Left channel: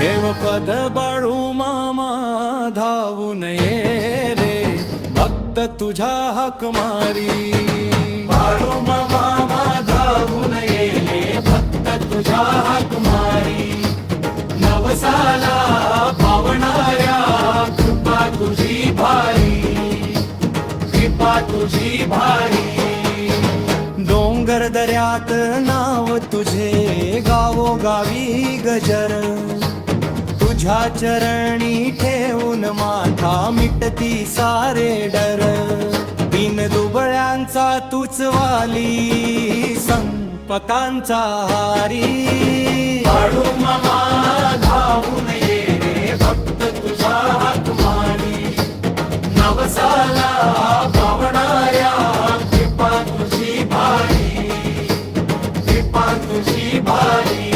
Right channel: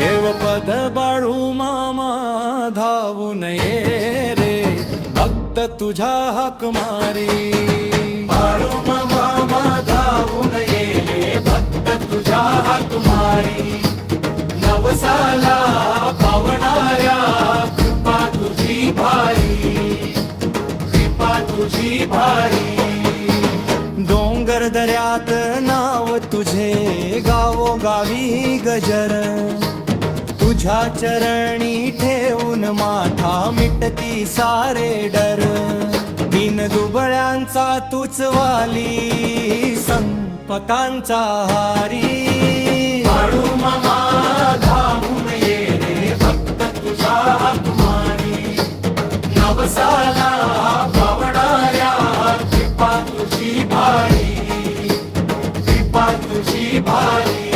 ठेव पद बाळू मामा धावून ये रे भक्त तुझ्या हाक मारी बाळू मामा धावून ये रे भक्त तुझ्या हाक मारी नवसाला पावणाऱ्या कृपा तुझी भारी कृपा तुझी भारी डोंगर दऱ्यात नाव तुझे गावोगावी गजर तुझ्या चरणी ठेवून माथा मिटती सारे डर बिन दुबळ्यांचा तूच वाली संपतांचा हारी बाळू मामा धावून ये रे भक्त तुझ्या हाक मारी नवसाला पावणाऱ्या कृपा तुझी भारी कृपा तुझी भारी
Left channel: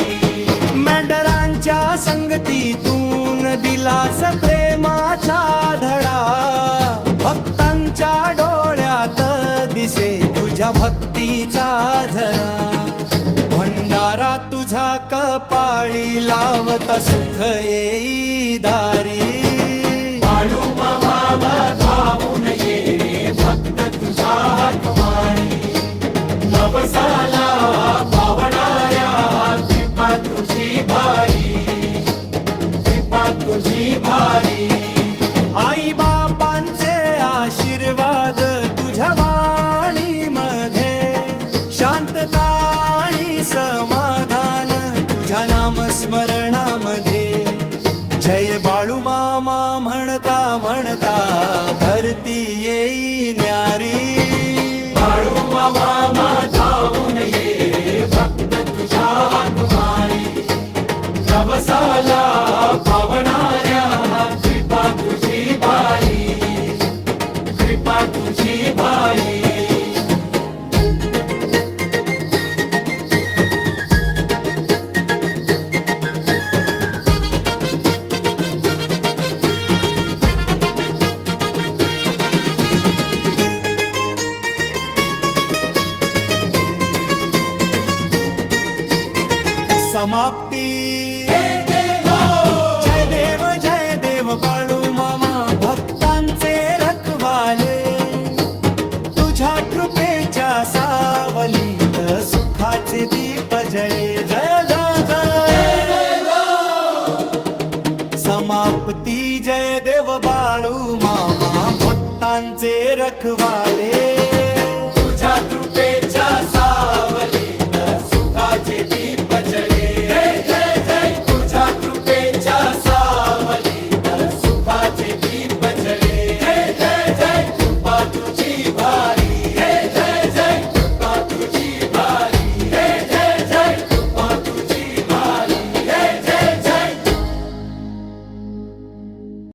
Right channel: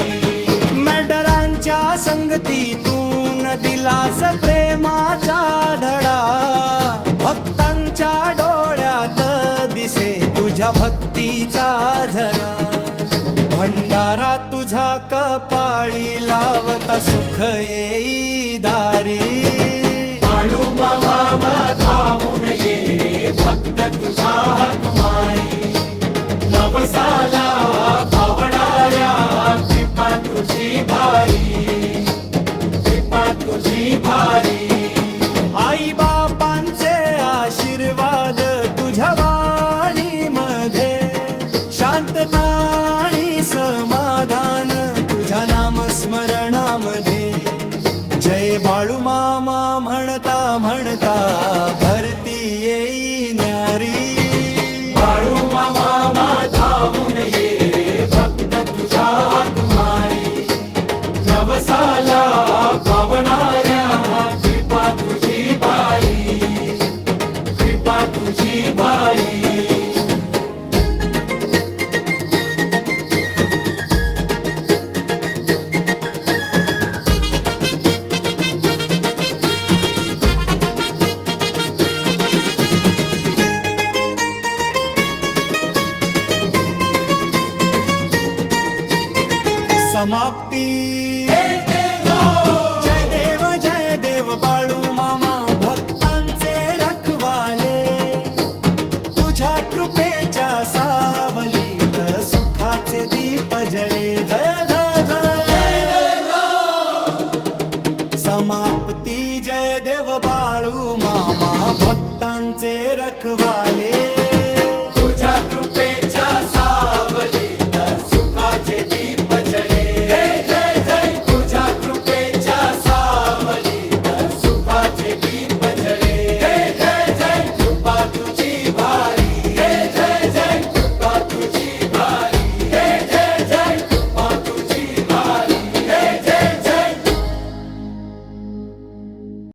मेंढरांच्या संगतीतून दिलास प्रेमाचा धडा भक्तांच्या डोळ्यात दिसे तुझ्या भक्तीचा झरा भंडारा तुझ्या कपाळी लावता सुख येई दारी बाळू मामा धावून ये रे भक्त तुझ्या हाक मारी नवसाला पावणाऱ्या कृपा तुझी भारी कृपा तुझी भारी आई बापांचे आशीर्वाद तुझ्या वाणीमध्ये शांतता आणि समाधान तुझ्या नामस्मरणामध्ये जय बाळू मामा म्हणता म्हणता भरती येई न्यारी बाळू मामा धावून ये रे भक्त तुझ्या हाक मारी नवसाला पावणाऱ्या कृपा तुझी भारी कृपा तुझी भारी समाप्ती जय देव बाळू मामा भक्तांचे रखवाले तुझ्या कृपेच्या सावलीत सुखाचे दीप जळे जय जय जय समाप्ती जय देव बाळू मामा भक्तांचे रखवाले तुझ्या कृपेच्या सावलीत सुखाचे दीप जळे जय जय